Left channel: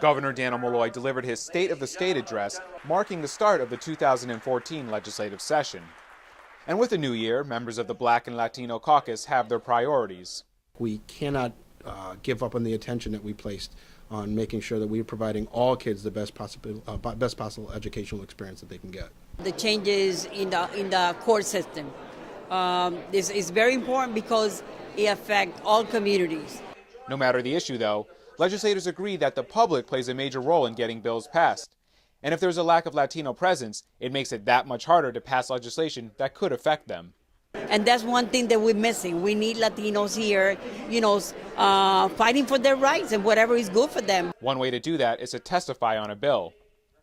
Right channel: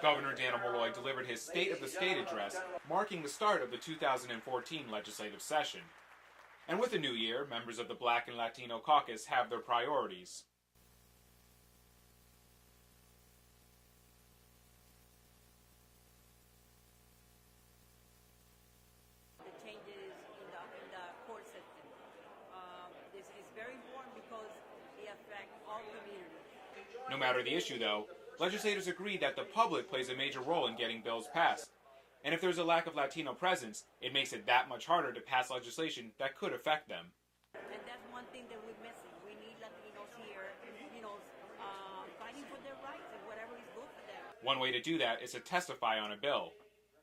Governor Daniel Malloy delivered his State of the State address, marking the start of the 2014 legislative session. And with the new year, members of the Black and Latino Caucus have their priorities. We cannot give up on the attention that we placed on making sure that we are providing all kids the best possible educational experience that they can get. The changes in the court system is very important because it affects all communities. No matter the issue, though, legislators agree that the public plays a major role in getting bills passed. And if there's a lack of Latino presence, it makes it that much harder to pass legislation that could affect them. And that's one thing that we're missing. We need Latinos here, fighting for their rights and whatever is good for them. One way to do that is to testify on a bill.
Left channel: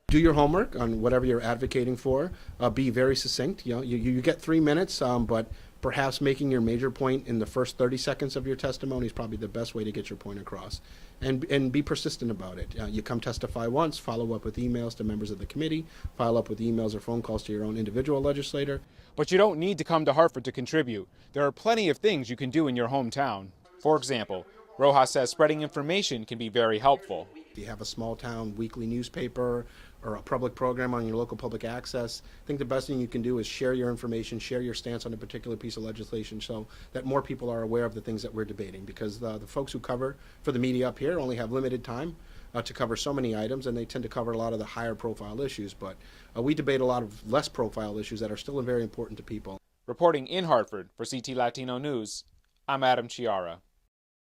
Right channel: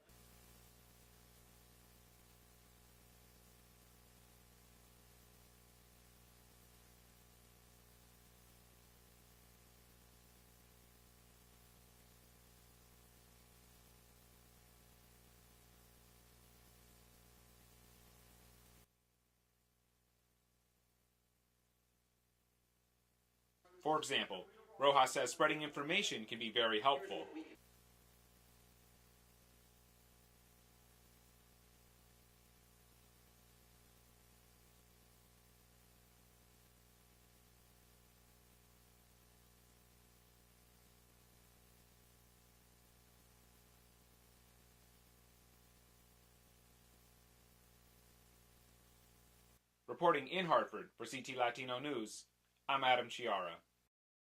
Do your homework on whatever you're advocating for. Be very succinct. You get 3 minutes, but perhaps making your major point in the first 30 seconds of your testimony is probably the best way to get your point across. And be persistent about it. You come testify once, follow up with emails to members of the committee, follow up with emails or phone calls to your own individual legislator. But you don't need to come to Hartford to contribute. There are plenty of things you can do in your hometown. For example, Rojas says spreading information can be very helpful. If you have a small town weekly newspaper or a public program on your local public access, I think the best thing you can do is share your information, share your stance on a particular piece of legislation so that more people are aware of the things that we're debating, because the folks who cover for the media up here only have limited time to cover so many items, and they tend to cover a lot of the higher profile issues, but we debate a lot of less profile issues that are still very important to people. Reporting in Hartford for CT Latino News, I'm Adam Chiara.